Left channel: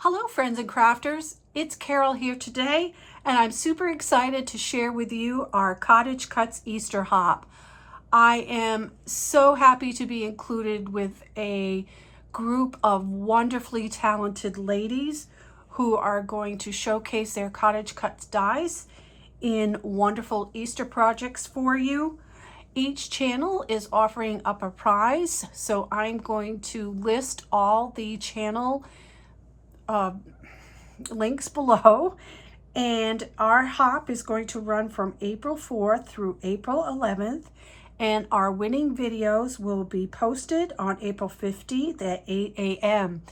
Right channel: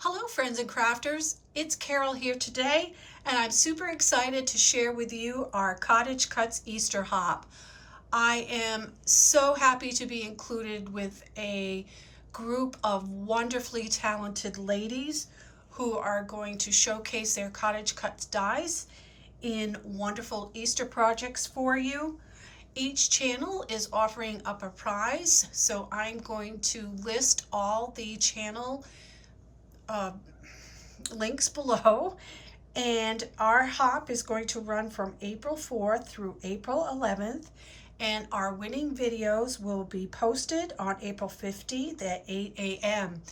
Hello friends and crafters, it's Carol here today and I'm super excited to share with you our Cottagecutz Easter Hop. I am so happy to be included with a group of wonderfully talented ladies who are going to showcase their Cottagecutz dies in wonderful Easter projects for you. Each channel is offering up a prize, so I'm going to list all the channel links below, and our hop is going to run from April 4th through April 11th, and our winning videos will be posted on April 15th at 8 a.m.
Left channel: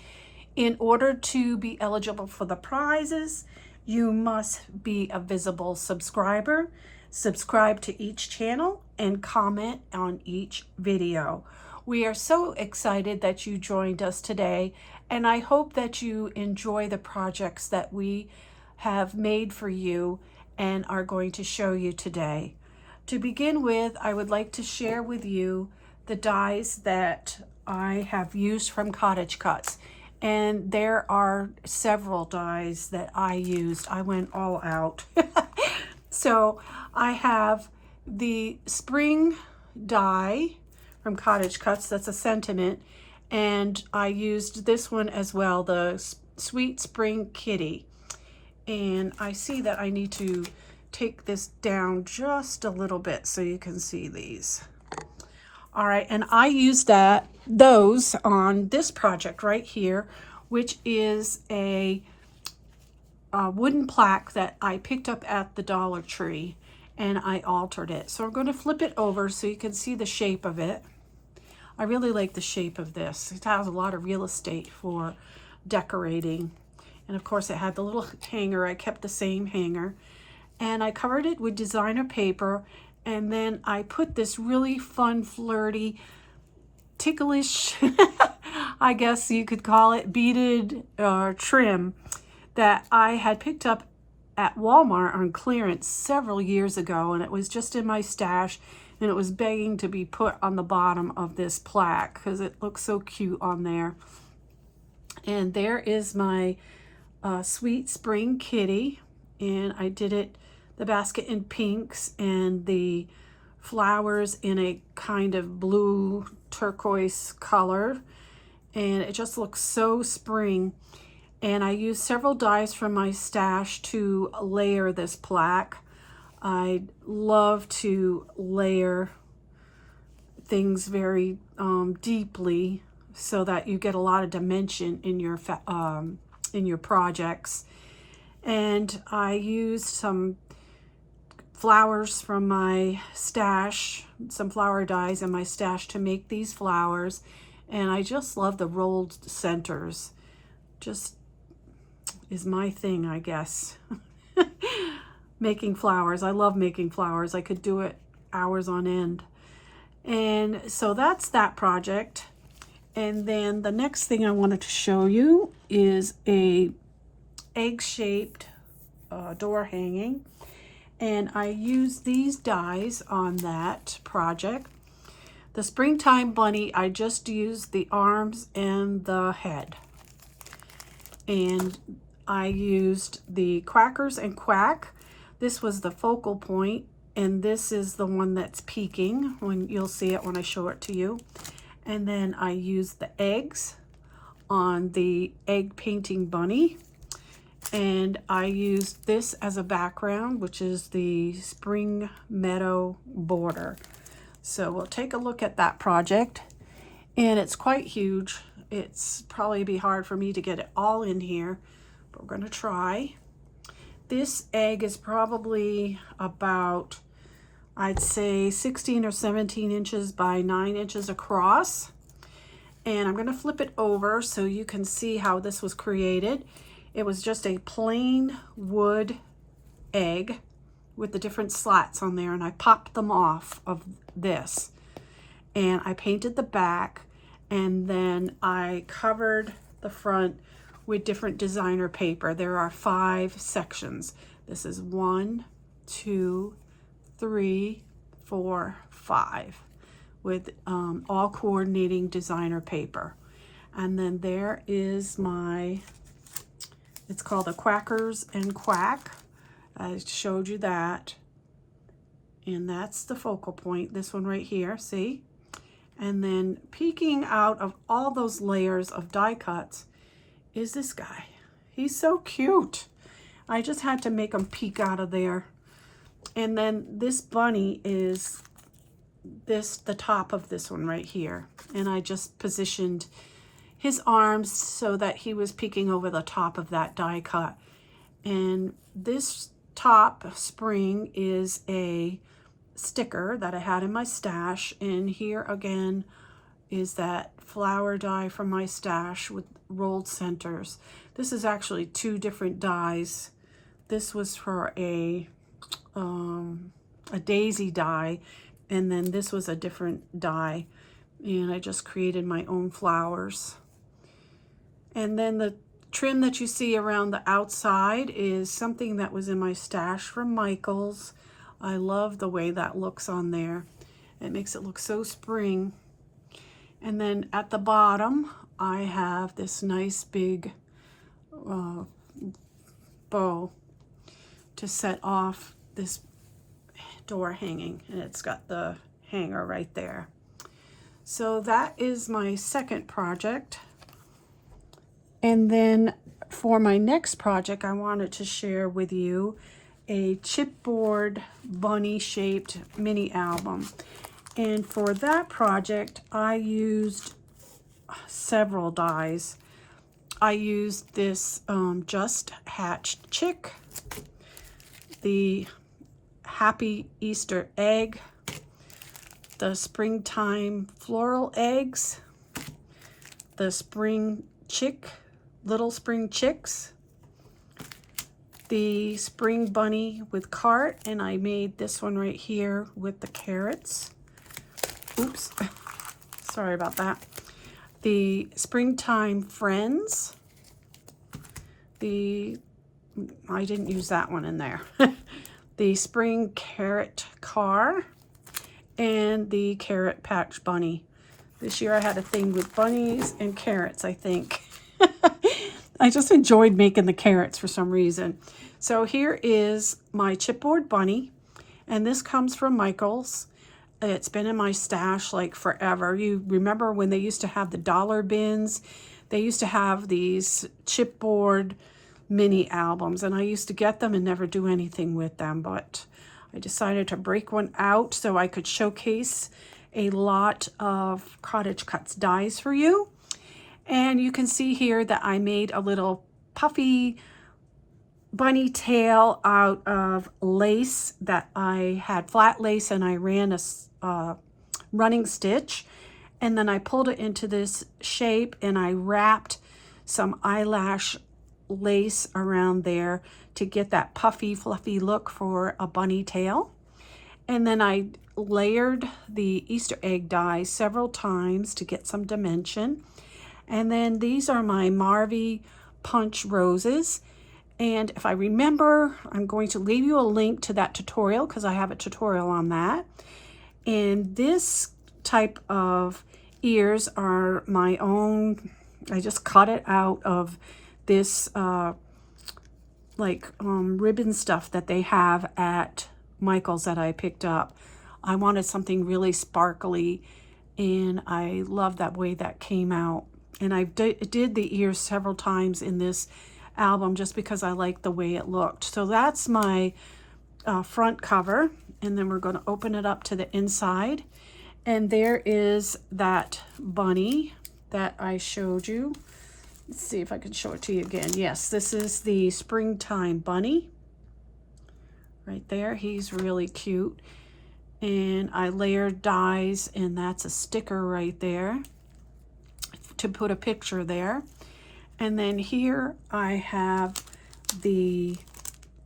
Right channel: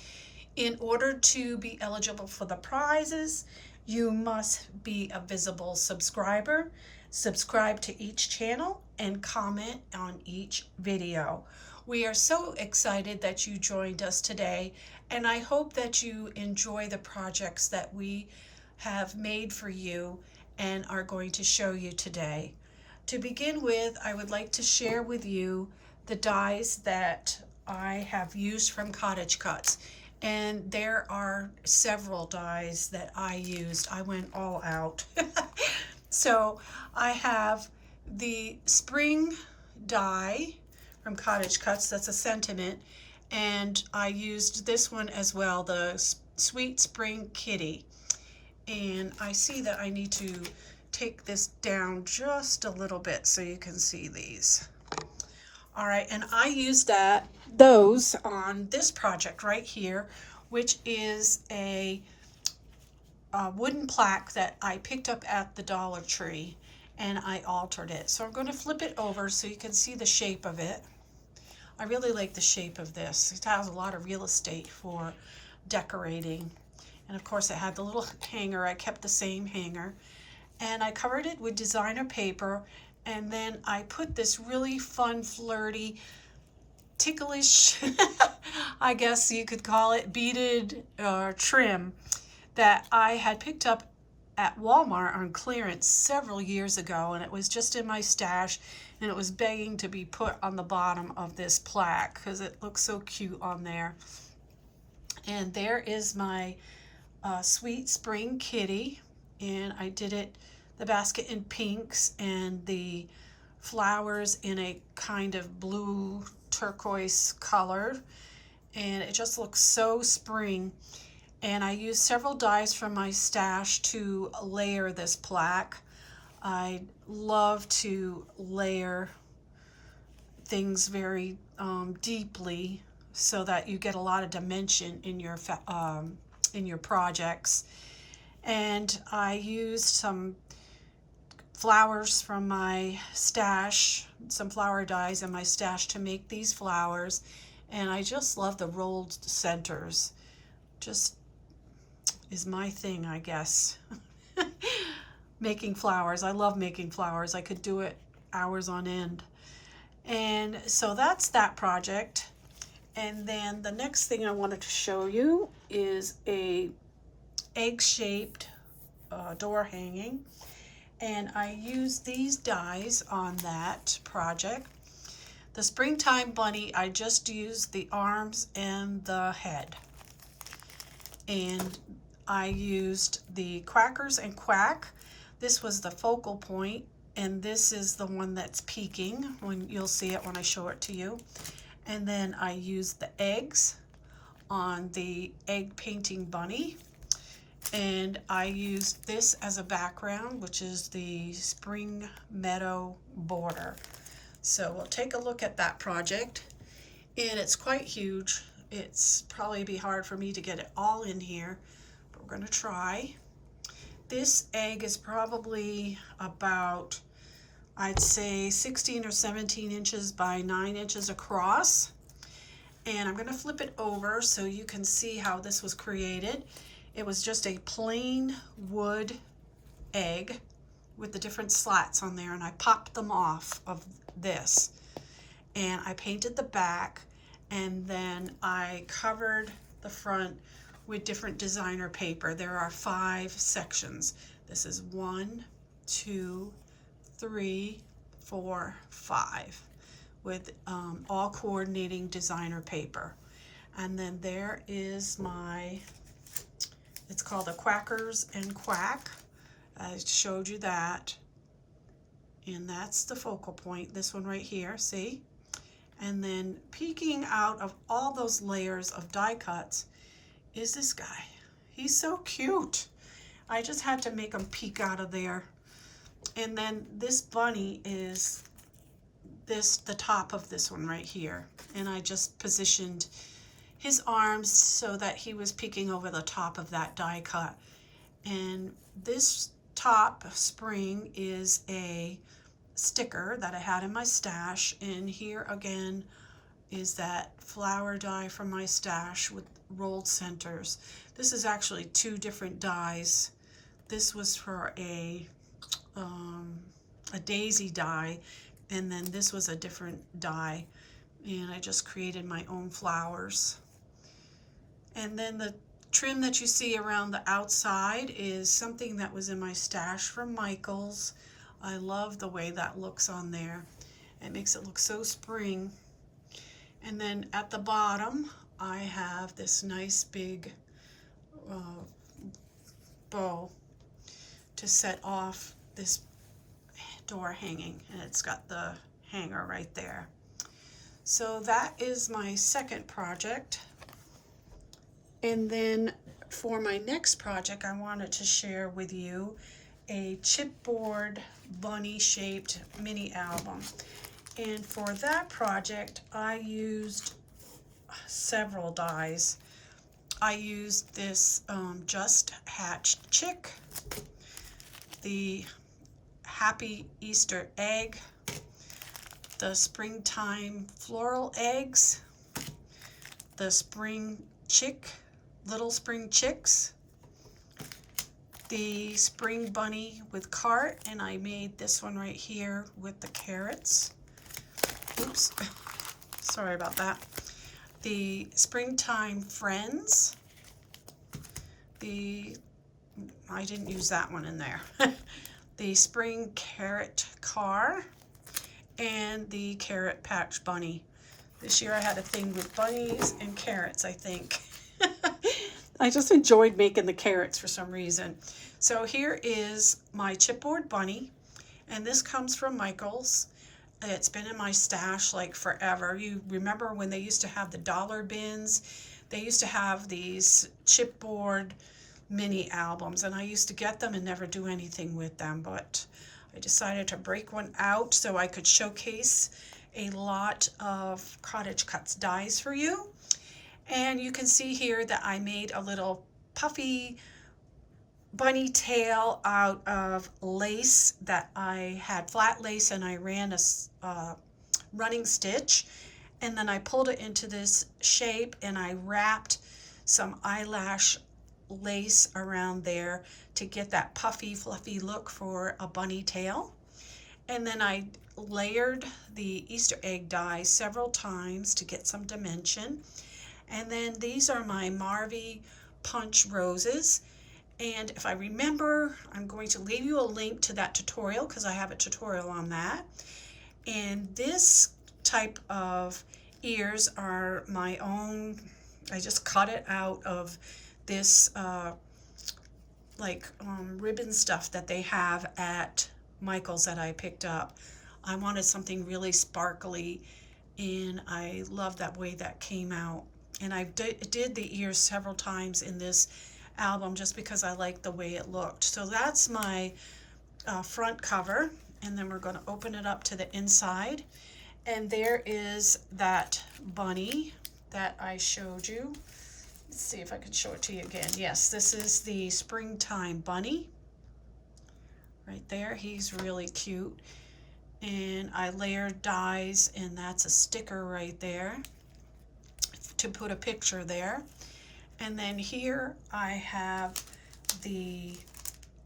In order to be eligible for the prizes, you must be a visible subscriber, subscribe to each channel, and comment on each video. We are so excited that you joined us today, and I hope that you enjoy the projects that we have made for you and are going to show you today. To begin with, I would like to share with you the dies that I have used from Cottagecutz. And there are several dies that I used. I went all out. So I have the spring die from Cottagecutz, that's a sentiment, and I used this one as well, the Sweet Spring Kitty. And I see that I need to take this down just a little bit so you can see these. All right, and I used those on this project right here, which is a wooden plaque that I picked up at the Dollar Tree, and I altered it. So I'm going to flip it over so you can see the shape of it. I really like the shape of this. It has a lot of real estate for decorating. And of course it had the little hanger. I kept the same hanger. And I covered it with designer paper. And then I put this really fun, flirty, ticklish, I guess you could call it, beaded trim that I had picked up at Walmart on clearance several years ago, and it was just in my stash, and it was begging to be put on the bottom of this plaque because it looks so cute on there. And there is my Sweet Spring Kitty, and I did it, the basket in pinks and the flowers in a kind of blue turquoise color, and it just looks so spring. And I used several dies from my stash to layer this plaque. I love to layer things very deeply so that you get a lot of dimension in your projects. And I used some flowers from my stash, some flower dies in my stash to make these flowers. And I just love the rolled centers. Just is my thing, I guess. Making flowers. I love making flowers. I could do it hours on end. And so that's that project. And then the next thing I wanted to show you is a egg-shaped door hanging. And I used these dies on that project. The Springtime Bunny, I just used the arms and the head. And I used the Quackers and Quack. This was the focal point, and this is the one that's peeking, when you'll see it when I show it to you. And then I used the eggs on the egg painting bunny. And I used this as a background, which is the spring meadow border. So we'll take a look at that project. And it's quite huge. It's probably be hard for me to get it all in here, but we're going to try. This egg is probably about, I'd say 16 or 17 inches by 9 inches across. And I'm going to flip it over so you can see how this was created. It was just a plain wood egg with the different slats on there, and I popped them off of this. And I painted the back, and then I covered the front with different designer paper. There are 5 sections. This is 1, 2, 3, 4, 5 with all coordinating designer paper. And then there is my It's called the Quackers and Quack. I showed you that. And that's the focal point, this one right here, see? And then peeking out of all those layers of die cuts is this guy. He's so cute. I just had to make him peek out of there. And then this bunny is the top of this one right here. And I just positioned his arms so that he was peeking over the top of that die cut. And this top spring is a sticker that I had in my stash. And here again is that flower die from my stash with rolled centers. This is actually two different dies. This was for a daisy die, and then this was a different die, and I just created my own flowers. And then the trim that you see around the outside is something that was in my stash from Michael's. I love the way that looks on there. It makes it look so spring. And then at the bottom I have this nice big bow to set off this door hanging, and it's got the hanger right there. So that is my second project. And then for my next project, I wanted to share with you a chipboard bunny shaped mini album. And for that project, I used several dies. I used this just hatched chick, the happy Easter egg, the springtime floral eggs, the spring chick, little spring chicks, the spring bunny with cart, and I made this one right here with the carrots. Oops, sorry about that. The springtime friends, I didn't use that one in there. The spring carrot car, and the carrot patch bunny. This year I had a thing with bunnies and carrots, I think. I just enjoyed making the carrots for some reason. So here is my chipboard bunny, and this comes from Michael's. It's been in my stash like forever. You remember when they used to have the dollar bins? They used to have these chipboard mini albums, and I used to get them and never do anything with them, but I decided to break one out so I could showcase a lot of Cottagecutz dies for you. And you can see here that I made a little puffy bunny tail out of lace that I had flat lace, and I ran a running stitch, and then I pulled it into this shape, and I wrapped some eyelash lace around there to get that puffy fluffy look for a bunny tail. And then I layered the Easter egg die several times to get some dimension. And then these are my Marvy punch roses. And if I remember, I'm going to leave you a link to that tutorial because I have a tutorial on that. And this type of ears are my own. I just cut it out of this ribbon stuff that they have at Michael's that I picked up. I wanted something really sparkly, and I love that way that came out. And I did the ears several times in this album just because I like the way it looked. So that's my front cover, and then we're going to open it up to the inside, and there is that bunny that I showed you. Let's see if I can show it to you again. Yes, this is the springtime bunny right there. He's really cute, and I layered dies, and that's a sticker right there to put a picture there. And then here I have the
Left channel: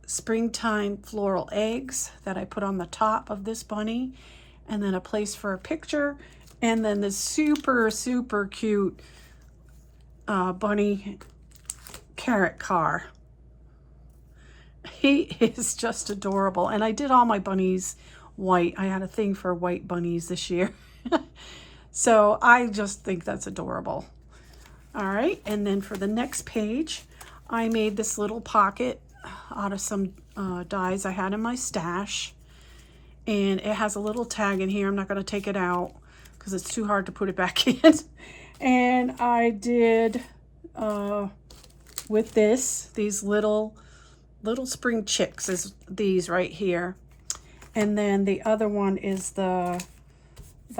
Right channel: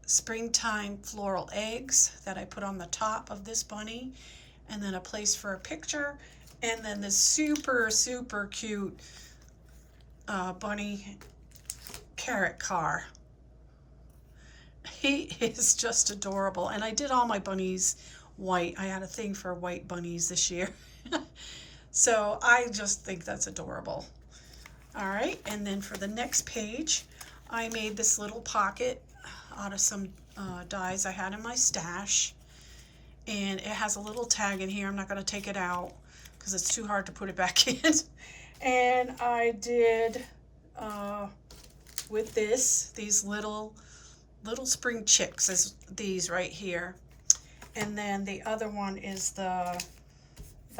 springtime floral eggs that I put on the top of this bunny, and then a place for a picture, and then this super, super cute bunny carrot car. He is just adorable, and I did all my bunnies white. I had a thing for white bunnies this year. So I just think that's adorable. All right, and then for the next page, I made this little pocket out of some dies I had in my stash. And it has a little tag in here. I'm not going to take it out because it's too hard to put it back in. And I did with these little spring chicks is these right here. And then the other one is the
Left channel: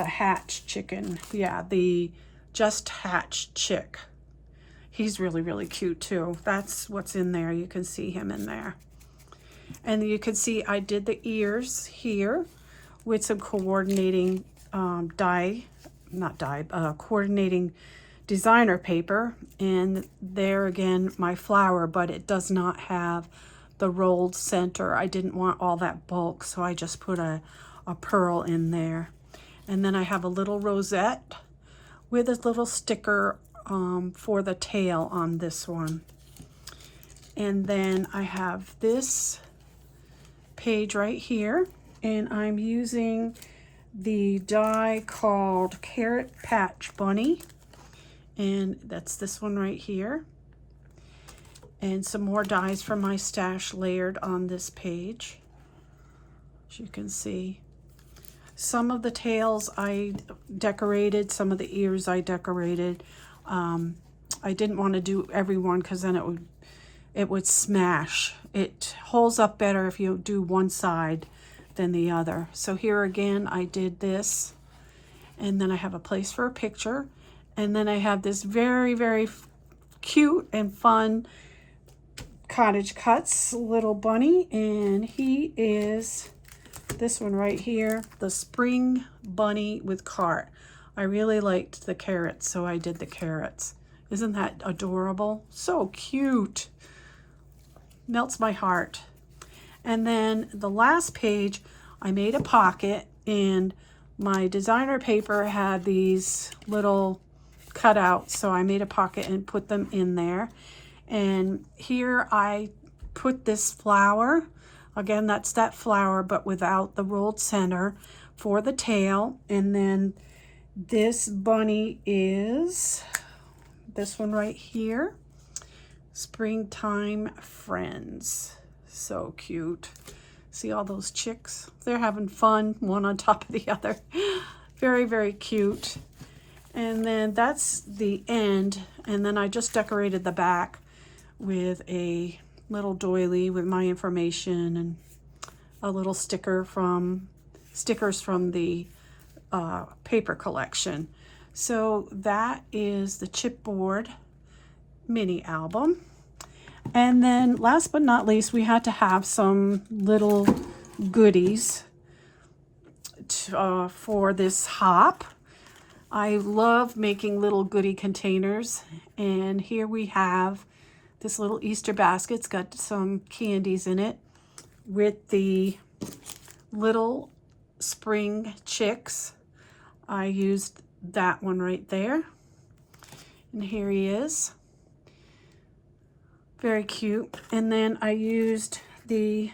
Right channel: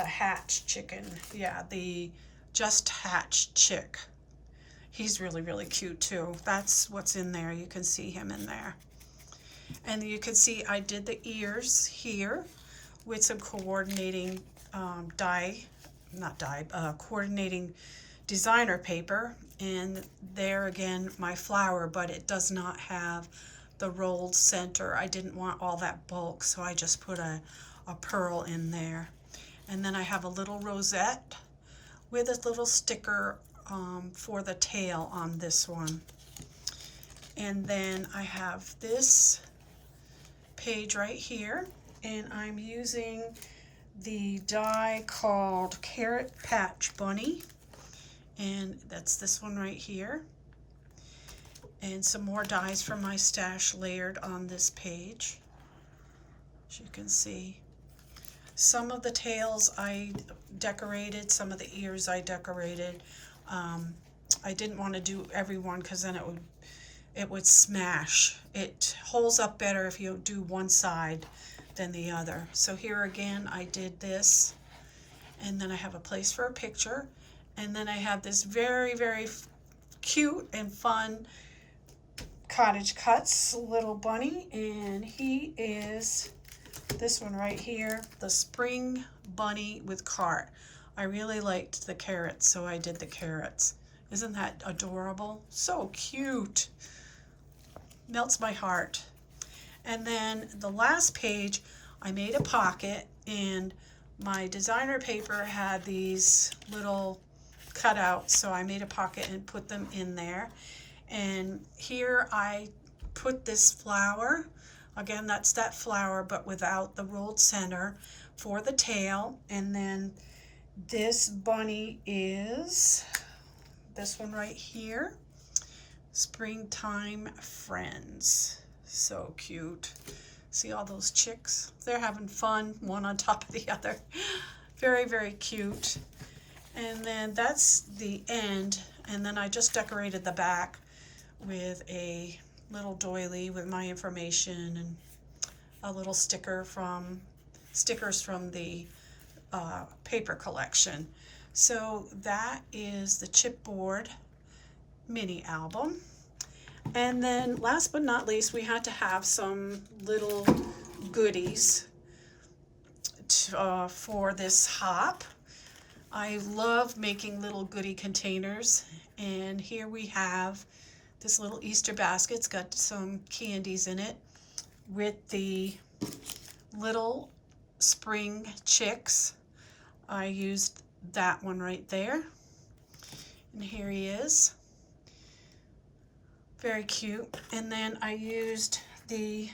hatched chicken. Yeah, the just hatched chick. He's really, really cute too. That's what's in there. You can see him in there. And you can see I did the ears here with some coordinating coordinating designer paper. And there again, my flower, but it does not have the rolled center. I didn't want all that bulk, so I just put a pearl in there. And then I have a little rosette with a little sticker for the tail on this one. And then I have this page right here, and I'm using the die called Carrot Patch Bunny, and that's this one right here, and some more dies from my stash layered on this page. As you can see, some of the tails I decorated, some of the ears I decorated. I didn't want to do every one because then it would smash. It holds up better if you do one side than the other. So here again, I did this, and then I have a place for a picture, and then I have this very, very cute and fun Cottagecutz little bunny, and he is this one right here, the spring bunny with cart. I really liked the carrots, so I did the carrots. Isn't that adorable? So cute. Melts my heart. And then the last page, I made a pocket, and my designer paper had these little cutouts, so I made a pocket and put them in there. And here I put this flower. Again, that's that flower, but without the rolled center for the tail. And then this bunny is this one right here. Springtime Friends. So cute. See all those chicks? They're having fun, one on top of the other. Very, very cute. And then that's the end. And then I just decorated the back with a little doily with my information and a little stickers from the paper collection. So that is the chipboard mini album. And then last but not least, we had to have some little goodies for this hop. I love making little goodie containers, and here we have this little Easter basket. It's got some candies in it with the little spring chicks. I used that one right there, and here he is. Very cute. And then I used the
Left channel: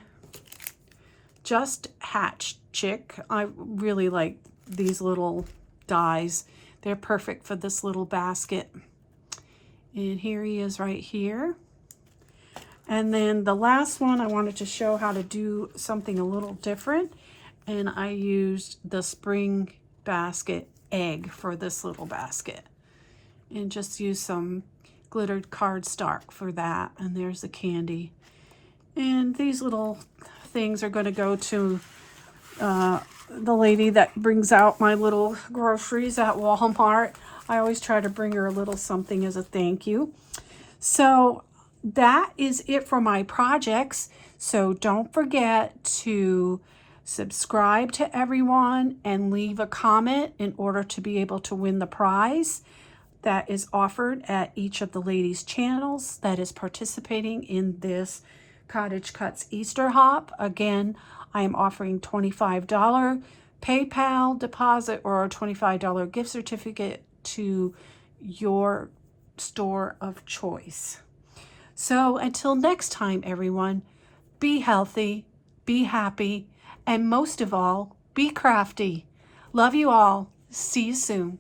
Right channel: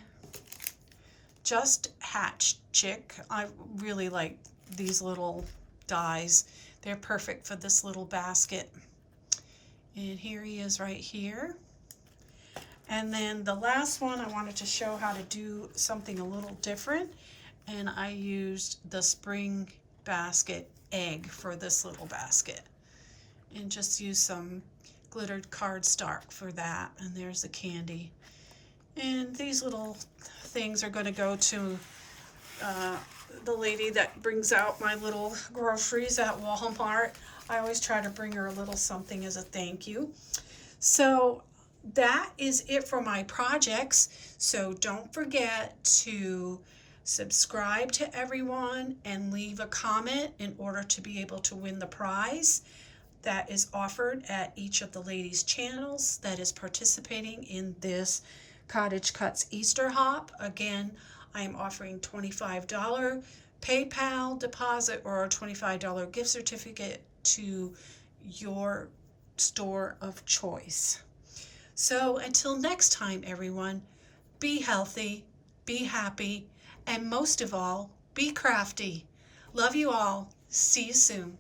just hatched chick. I really like these little dies. They're perfect for this little basket. And here he is right here. And then the last one, I wanted to show how to do something a little different. And I used the spring basket egg for this little basket. And just use some glittered cardstock for that. And there's the candy. And these little things are going to go to the lady that brings out my little groceries at Walmart. I always try to bring her a little something as a thank you. So that is it for my projects. So don't forget to subscribe to everyone and leave a comment in order to be able to win the prize that is offered at each of the ladies' channels that is participating in this Cottagecutz Easter Hop. Again, I am offering $25 PayPal deposit or a $25 gift certificate to your store of choice. So until next time, everyone, be healthy, be happy, and most of all, be crafty. Love you all. See you soon.